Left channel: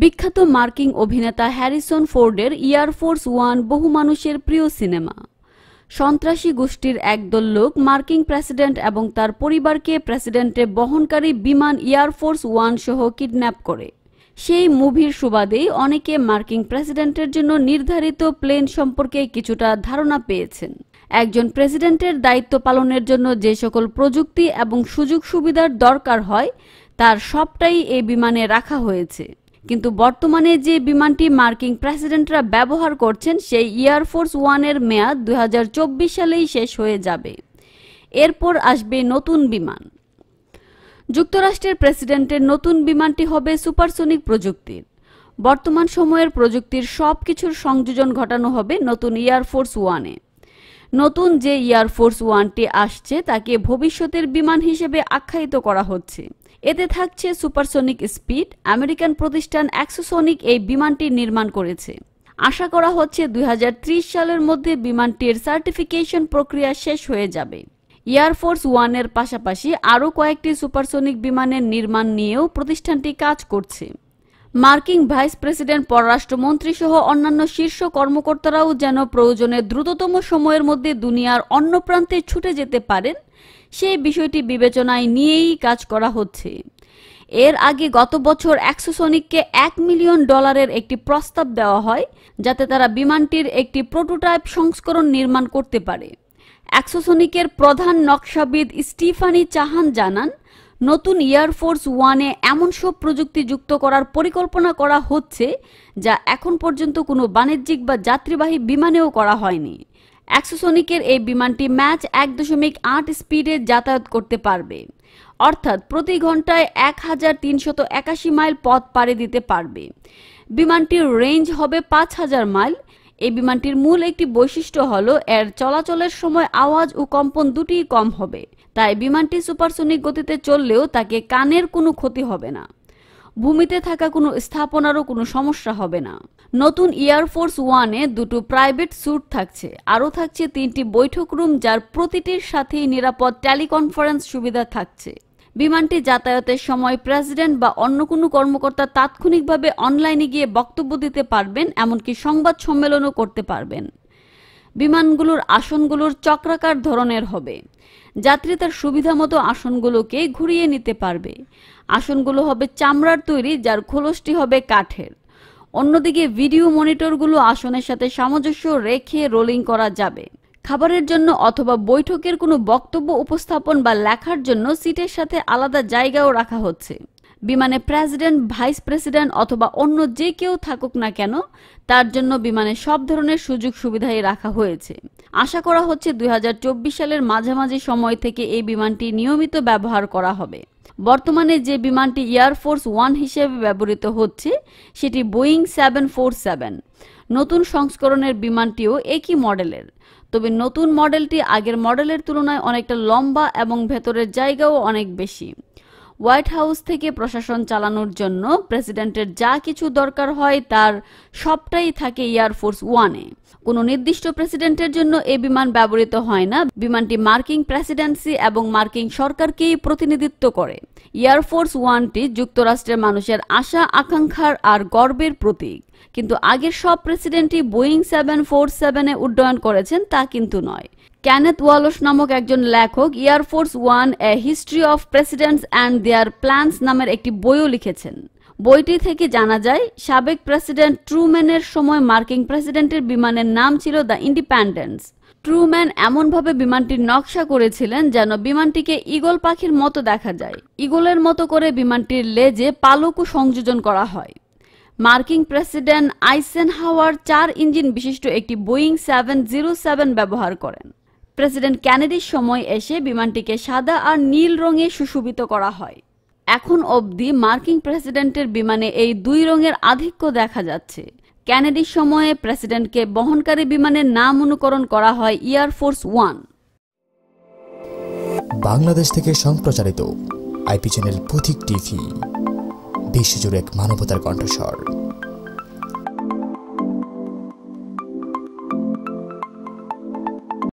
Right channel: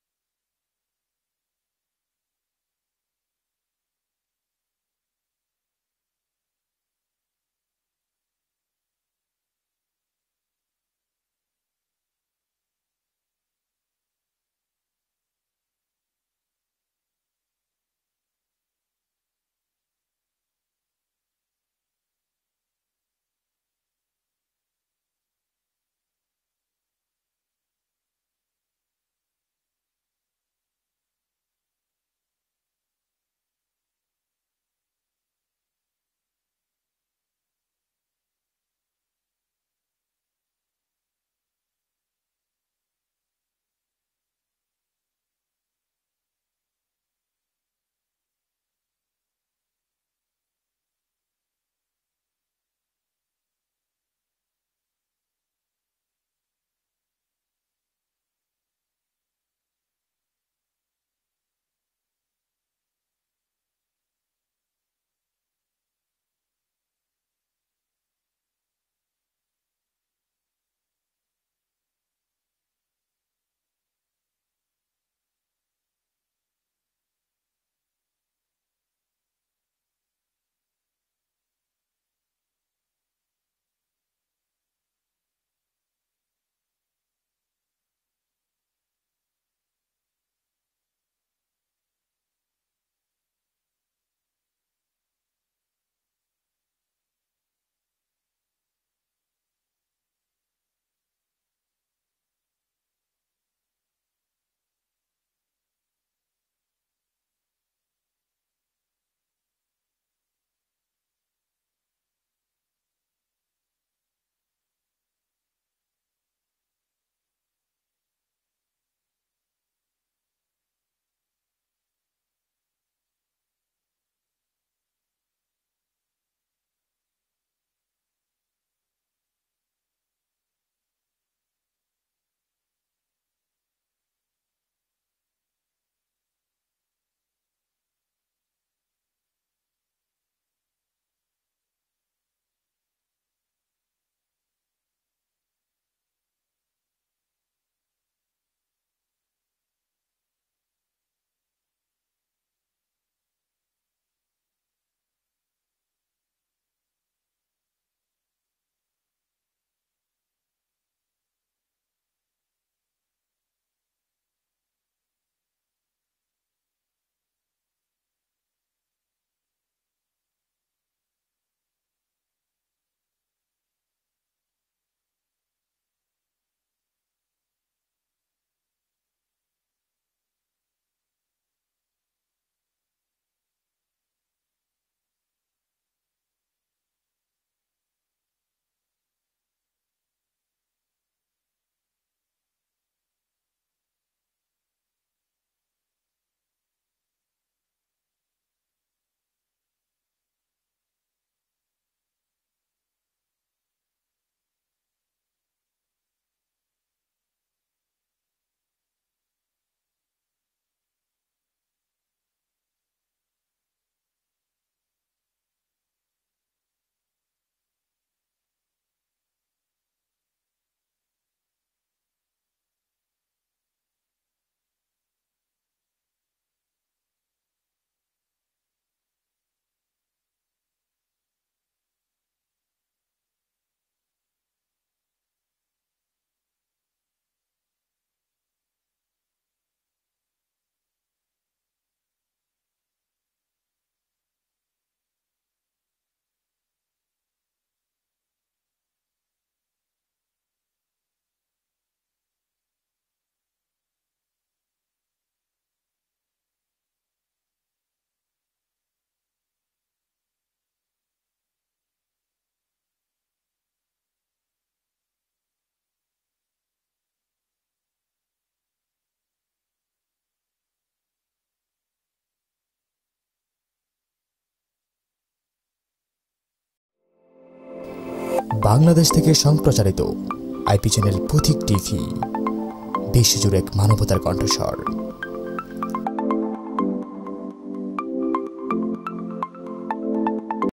বিখ্যাত মার্কিন অভিনেতা হ্যারিসন ফোর্ডের এয়ারফোর্স ওয়ান বহু মানুষের প্রিয় সিনেমা। সন্ত্রাসী গোষ্ঠীর একদল লোক মার্কিন প্রেসিডেন্ট এবং তার পরিবারকে প্রেসিডেন্টে বহনকারী বিমান এয়ারফোর্স ওয়ান সহ কিডন্যাপ করে। সেই মুভির সুবাদেই অনেকে মার্কিন প্রেসিডেন্টের জন্য নির্ধারিত প্লেন সম্পর্কে কিছুটা ধারণা পেয়েছেন। একজন প্রেসিডেন্টের দায়িত্ব পালনের জন্য যে সকল প্রযুক্তি এবং সুযোগ সুবিধার দরকার হয় তার সবটাই এই বিমানে রাখা হয়েছে। কিন্তু বর্তমানে যে বিমানটি মার্কিন প্রেসিডেন্টরা ব্যবহার করছেন সেই এয়ারফোর্স ওয়ানের মেয়াদ 2024 সালেই শেষ হয়ে যাবে। এরপর আসবে নতুন বিমান। যুক্তরাষ্ট্রের প্রেসিডেন্টের নতুন বিমানটি হবে সুপারসনিক প্রযুক্তির। বর্তমান সময়ের প্রযুক্তির সবকিছুর সংযোজন ঘটানো হবে নতুন এয়ারফোর্স ওয়ানে। নতুন যে এয়ারফোর্স ওয়ানটি আসছে তাকে ভবিষ্যতের বিমান হিসেবে আখ্যায়িত করা হচ্ছে। এতে থাকছে সুপারসনিক স্পিড। আমেরিকান প্রতিষ্ঠান অ্যাক্সোসনিক এই বিমানটি নির্মাণ করেছে। আশা করা হচ্ছে 2030 সালের মধ্যে বিমানটির সার্টিফিকেশন প্রক্রিয়া শেষ হয়ে যাবে। এয়ারফোর্স ওয়ানের পাশাপাশি আরও কয়েকটি সুপারসনিক বিমানের নির্মাণ নিয়েও প্রতিষ্ঠানটি কাজ করছে। মার্কিন ভাইস প্রেসিডেন্ট, পররাষ্ট্রমন্ত্রী সহ অন্যান্য শীর্ষ কর্মকর্তারাও যেন প্রয়োজনে দ্রুততম সময়ের মধ্যে দুনিয়ার অন্য প্রান্তে ছুটে যেতে পারেন সেই বিষয়টি বিবেচনায় নিয়েই কাজ করা হচ্ছে। এর আগে গত বছর অ্যাক্সোসনিককে $1 মিলিয়ন একটি প্রস্তাব দেওয়া হয় যাতে তারা বিমানটির একটি প্রোটোটাইপ সংস্করণ নির্মাণ করতে পারে। অ্যাক্সোসনিকের প্রধান নকশাবিদ স্টিফানি চাহান জানান, নতুন এয়ারফোর্স ওয়ানে এমন সব প্রযুক্তি যুক্ত করার পরিকল্পনা করা হচ্ছে যা এখন পর্যন্ত কোনো বাণিজ্যিক বা যাত্রীবাহী বিমানেও করা হয়নি। অ্যাক্সোসনিকের এই বিমানটি ম্যাচ 1.8 স্পিডে যাতায়াত করতে পারবে, অর্থাৎ প্রতি ঘন্টায় 1381 মাইল পথ পাড়ি দিতে পারবে। বিমানটির রেঞ্জ হবে 5000 মাইল। এই বিমানটির মূল একটি বৈশিষ্ট্য হলো এর চলাচলের সময় আওয়াজ ও কম্পন দুটিই কম হবে, তাই বিমানটি সুপারসনিক গতিতে চললেও তাকে কানের কোনো ক্ষতি হবে না। ভূমিতে থাকা কোনো স্থাপনারও কোনো সমস্যা হবে না। নতুন এয়ারফোর্স ওয়ানে দুটো প্রাইভেট স্যুট থাকছে, আরও থাকছে 3টি বৈঠক রুম যার প্রতিটির সাথেই নিরাপদ টেলিকনফারেন্স সুবিধা থাকছে। বিমানটি যাতায়াতের সময় প্রেসিডেন্ট বা অন্য কোনো কর্মকর্তা তাৎক্ষণিকভাবে অনলাইনে গিয়ে বক্তব্য দিতে পারবেন, এমনকি সংবাদ সম্মেলনও করতে পারবেন। বিমানগুলোর আসনগুলোর চক্রাকার ধরনের হবে। যাত্রী তার সুবিধামতো আসনগুলোকে ঘুরিয়ে নিতে পারবে। আসনগুলো হবে চামড়ার তৈরি, যার খোলসটি হবে কাঠের। অন্যদিকে ভিডিও মনিটরগুলো আসনের সাথে সামঞ্জস্য রেখে রোলিং করা যাবে। খাবারের জন্য অথবা বৈঠকের কোনো বক্তব্য উপস্থাপন বা লেখার জন্য সিটের সাথে আলাদা জায়গাও রাখা হচ্ছে। বিমানে প্রেসিডেন্ট, ভাইস প্রেসিডেন্ট অথবা অন্য যে কেউ থাকুক না কেন তার জন্য বিমানে সব ধরনের সুযোগ সুবিধাই রাখা হয়েছে। আশা করা হচ্ছে 2024 সালের মাঝামাঝি সময় থেকে এই বিমানটি নিয়মিত ব্যবহার করা হবে। বর্তমানে যে বিমানটি এয়ারফোর্স ওয়ান হিসেবে ব্যবহৃত হচ্ছে সেটি বোয়িং 747। নতুন সংস্করণের বিমানটিও একই মডেলের, তবে নতুন মডেলটি আগের মডেলের তুলনায় অনেকটা লম্বা এবং ভেতরের জায়গাও অনেক বেশি। হোয়াইট হাউস থেকে প্রশাসন চালানোর জন্য প্রেসিডেন্টের যা কিছু দরকার হয় তার সবটাই থাকে এয়ারফোর্স ওয়ানে। কোনো নির্দিষ্ট প্রেসিডেন্টের জন্য এই বিমান ব্যবহৃত হয় না। বিমানটি মার্কিন প্রেসিডেন্সি এবং মার্কিন সরকারকেই প্রতিনিধিত্ব করে। এয়ারফোর্স ওয়ানটি যুক্তরাষ্ট্রের মানুষের আশা আকাঙ্ক্ষার আর গর্বের প্রতীক। কিন্তু আগের সব প্রেসিডেন্টই বোয়িং 747-এ উড্ডয়ন করেছেন তা কিন্তু নয়। কেনেথ ওয়ালশ নামক একজন লেখক air force one a history of presidents and their plans নামের একটি বইও লিখেছেন। বইটি থেকে জানা যায় সাবেক প্রেসিডেন্ট ট্রুম্যানের সময় মার্কিন প্রেসিডেন্টের বিমানের নাম ছিল দ্য ইন্ডিপেন্ডেন্স। ট্রুম্যান এমনভাবে বিমানটির নকশা করেছিলেন যেন বিমানটিকে ঈগল পাখির মতো দেখা যায়। ঈগলের মতো করে বিমানটির লেজে পালকও সংযোজন করা হয়। মার্কিন প্রেসিডেন্ট আইসেনহাওয়ার 4 ইঞ্জিন বিশিষ্ট একটি বোয়িং 707 ব্যবহার করেন। প্রেসিডেন্ট কেনেডির সময় এসে বিমানটিকে সাদা আর নীল রঙে সুশোভিত করা হয়। এখন অবধি মার্কিন প্রেসিডেন্টের বিমানে এই দুই রঙের আধিক্য দেখা যাচ্ছে। কেনেডির সময়ে প্রেসিডেন্টকে বহনকারী বিমানের নাম অনুকরণ করা হয় এয়ারফোর্স ওয়ান। বাংলাদেশ থেকে সম্প্রচারিত আইপি চ্যানেল পথিক টিভি, বিশ্বজুড়ে এক মানবতার কণ্ঠস্বর।